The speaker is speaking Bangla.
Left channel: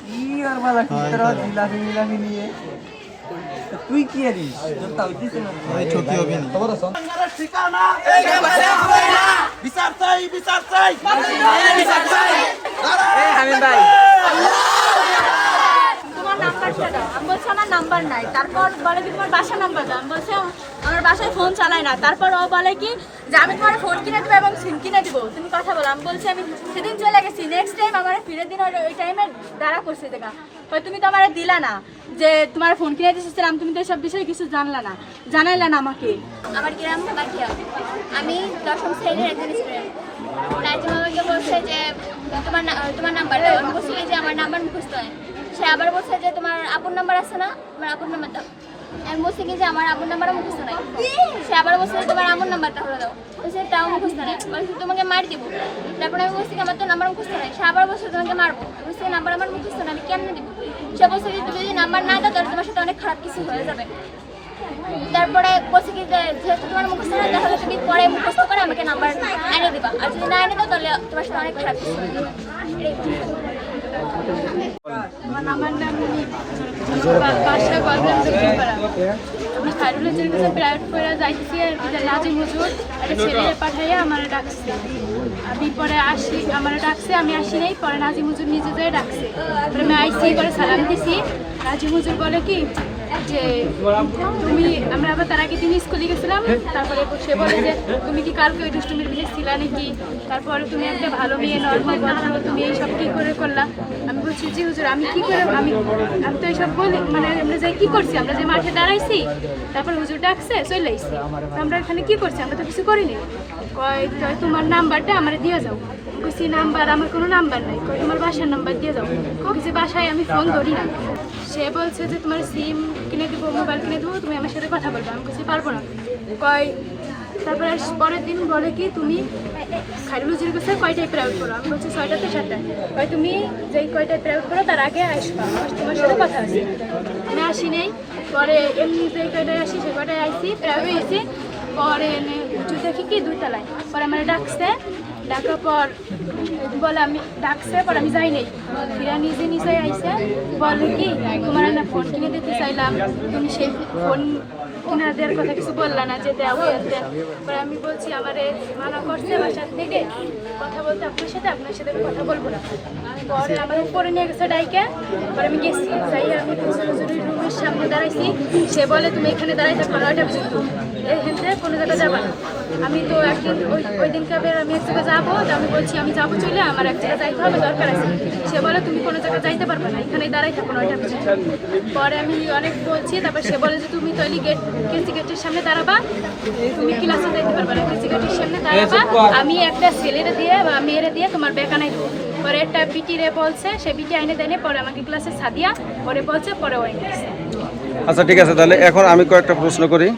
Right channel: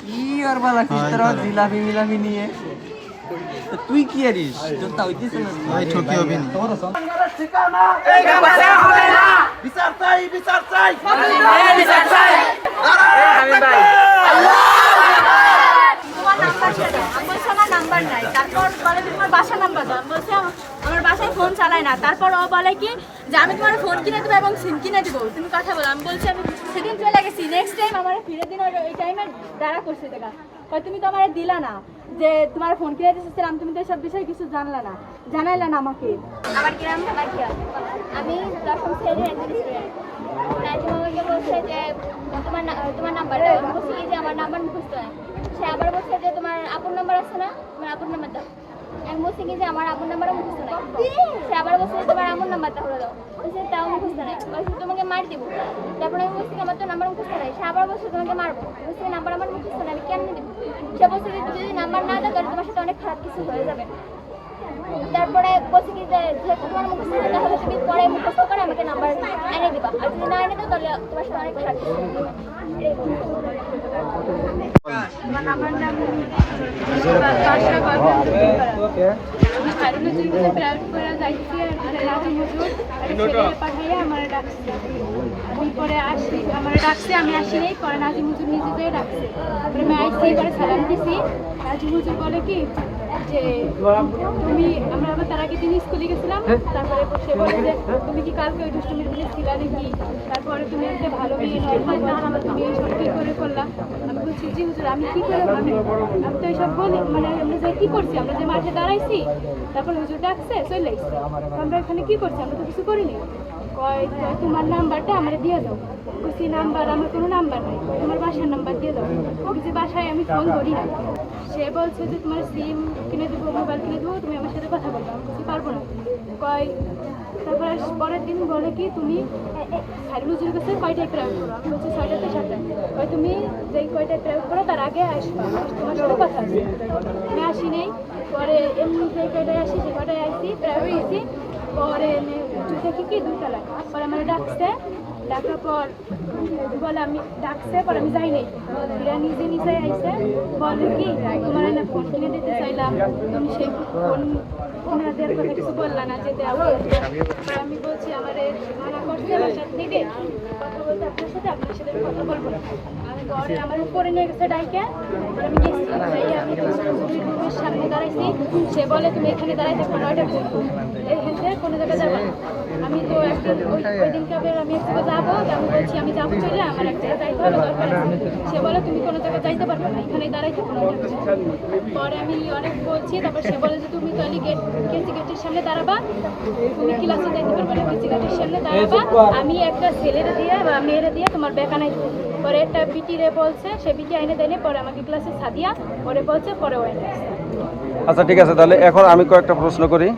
কি আর বালা কি তোরা জিলাপি মিলাপি নিয়ে তুই কি আরিস তোর তা হইতেছে না ভাই ঠকি হবে না তোমার সংসারের ঠিকানা এই বাসা হবে না বিচার চাই বিচার চাই বিচার চাই আমি ভাই আল্লাহ আমার নাম্বার নাই তারপর বলে কি তোমার বাসা নাম্বার দাও বলছে আমার বাসায় ফোন চালায় না তারপর ও বলে কি যে আমি তোমার ফোন কিনে দেবো এবং সিম কিনে দিব তুমি কথা বলো আমি বলছি আমি সেদিন চলে গেছি নেক্সট টাইম আমার ফিরে দিন ওই টাইমে দাঁড়া করছে দেখা তুমি তো আমার দিলা না যে তোমার ফোন কিনে দিয়েছিলাম তুমি তো সব বিষয়ে কিছু জানলা না জানাইলা না আমাকে আমার গ্রাম কাঠিয়া আমি 10ম শ্রেণীর একজন স্টুডেন্ট নাজিম আমাকে বলছে যে তোমার নাম্বার দাও আমি বলছি যে আমার নাম্বার মুখস্থ নয় সে আবার বলছে যে তোমার আপুর নাম্বার আছে না তোমার আপুর নাম্বার দাও আমি বলছি কি যে আমার আপুর নাম্বারও মুখস্থ নয় সে আবার বলছে যে তোমার আমার নাম্বারটা হলো দাও বলছে তাও মুখস্থ নয় বলছে তোমাকে মার দিব তারপরে আমি বলছি আমার তো নাম্বার মুখস্থ নয় সে আবার বলছে তোমাকে মারবো বলছি নাম্বার আমার মুখস্থ নয় আমি কেমনে দিব সে বলছে যে তুমি যদি নাম্বার না দাও তাহলে তোমার সাথে অনেক খারাপ কিছু হয়ে যাবে তারপরে বলছে কি যে যেহেতু তোমার মুখস্থ না তাহলে তুমি পরে মুখস্থ করে আমাকে নাম্বার এনে দিবা আর যদি না এনে দাও তাহলে তোমার সাথে অনেক খারাপ কিছু হবে আমার নাম বাসা বাদলাম আমি খারুলের কাছে প্রাইভেট করে যাইতেছি নাজিম হুজুর ছেলে পাঠাইয়া আমার ডাকছে আমি পরে আসি আমার ডাকছে আমি আসি নাই পরে নাজিম হুজুর নিজে যেয়ে ডাকছে আমি আইসি পরে সালাম দিছি নাজিম হুজুর বলে কি যে তুমি আমরা আবার তার আগে দিন স্কুলে গেছিলাম তারপরে সে বলে যে তুমি কি কালকে ওই দুষ্টুমির বিলে ছিলা নাকি তারপরে তুমি একটা ভালো মেয়ে নর্মাল না তুমি এইসব কী করে করলাম আমি বলছি জি হুজুর আমি কী করে আমি তো এইসব বলি মানে আমরা যাই কী করছি আমরা যে মাঠে দাঁড়াইছি তারপর হুজুর ডাকছে চলে আসছি আমরা এখানে কী করছি আমরা তো কিছু করিনি কয় তোমার নাম্বারটা আমার দিয়ে যাও বলছি নাম্বার আমার কোনো নাম্বার নেই তোমার বাসার নাম্বার দিয়ে যাও যে বাসায় আমি ফোন ধরি না সে বলছে যে তোমার সিম কিনে দেবো মোবাইল কিনে দেবো তুমি আমার সাথে কথা বলবো আমি কিছু পারবো না কয় তারপরে পরের দিন বলে কি তুমি খাইরুল হুজুরের কাছে কয়টায় প্রাইভেট করো আমি বলছি 6টা থেকে 7টা কয় তুমি যেই কয়টায় প্রাইভেট করো তার আগে আসবো তোমার সাথে কথা আছে আমি আসি নেই পরে এমনি যে কয়টায় আসি সে কয়টায় আসি প্রাইভেট এসি পরে এনে দেখি কি 2 তলায় পরে আমার ডাকছে ডাকার পর বলে আমি ডাকছে পর আমি যাই নাই ফিরা নিজে নিজে আইসে বলে কি তোমার আমি ফোন কিনে দিতে চাইলাম তুমি সেই ফোন কিনে দেওয়ার কথা কিছু বললা না যে দেওয়া আমি বলছি আমার মানা করছে আমার সাথে থেকে কথা বলতে আপনার সাথে কথা বলবো না পরে আমার উপরে নিয়ে গেছে ডাইকে পরে আমি গেছি যাই আমি রুমের সামনে দাঁড়াইছি সে বলে তুমি এখানে দাঁড়াই থাকো 9টা পর্যন্ত এখানে কোনো জায়গায় যাবো না আমি তো একদিন ওই দিনকে আমি এক জায়গায় যাবো আমি বলছি আমি যাবো চলে আমার এক জায়গায় যাইতে হবে দরকার আছে সে বলে তুমি কোনো জায়গায় যাইতে পারবে না এখানে দাঁড়াই থাকো 9টা পর্যন্ত পরে আমি অনেক বলছি তারপর সে বলে যে তুমি তাহলে কেসি গেটের সামনে দাঁড়াবা তুমি ক্লাসে যাইতে পারবে না কেসি গেটের সামনে দাঁড়াবা আমি একটা ছেলেরে দিয়ে বা মেয়েরে দিয়ে তোমার বেকানাই দেবো পরে একটা বিটিরে বলছে সে বিটি আইনে দেয়নি পরে আমাকে ক্লাসে সাদিয়া পরে বলছে পরে ওয়াইন আচ্ছা ঠিক আছে তাহলে এখন আমি কয়েকটা প্রশ্ন করি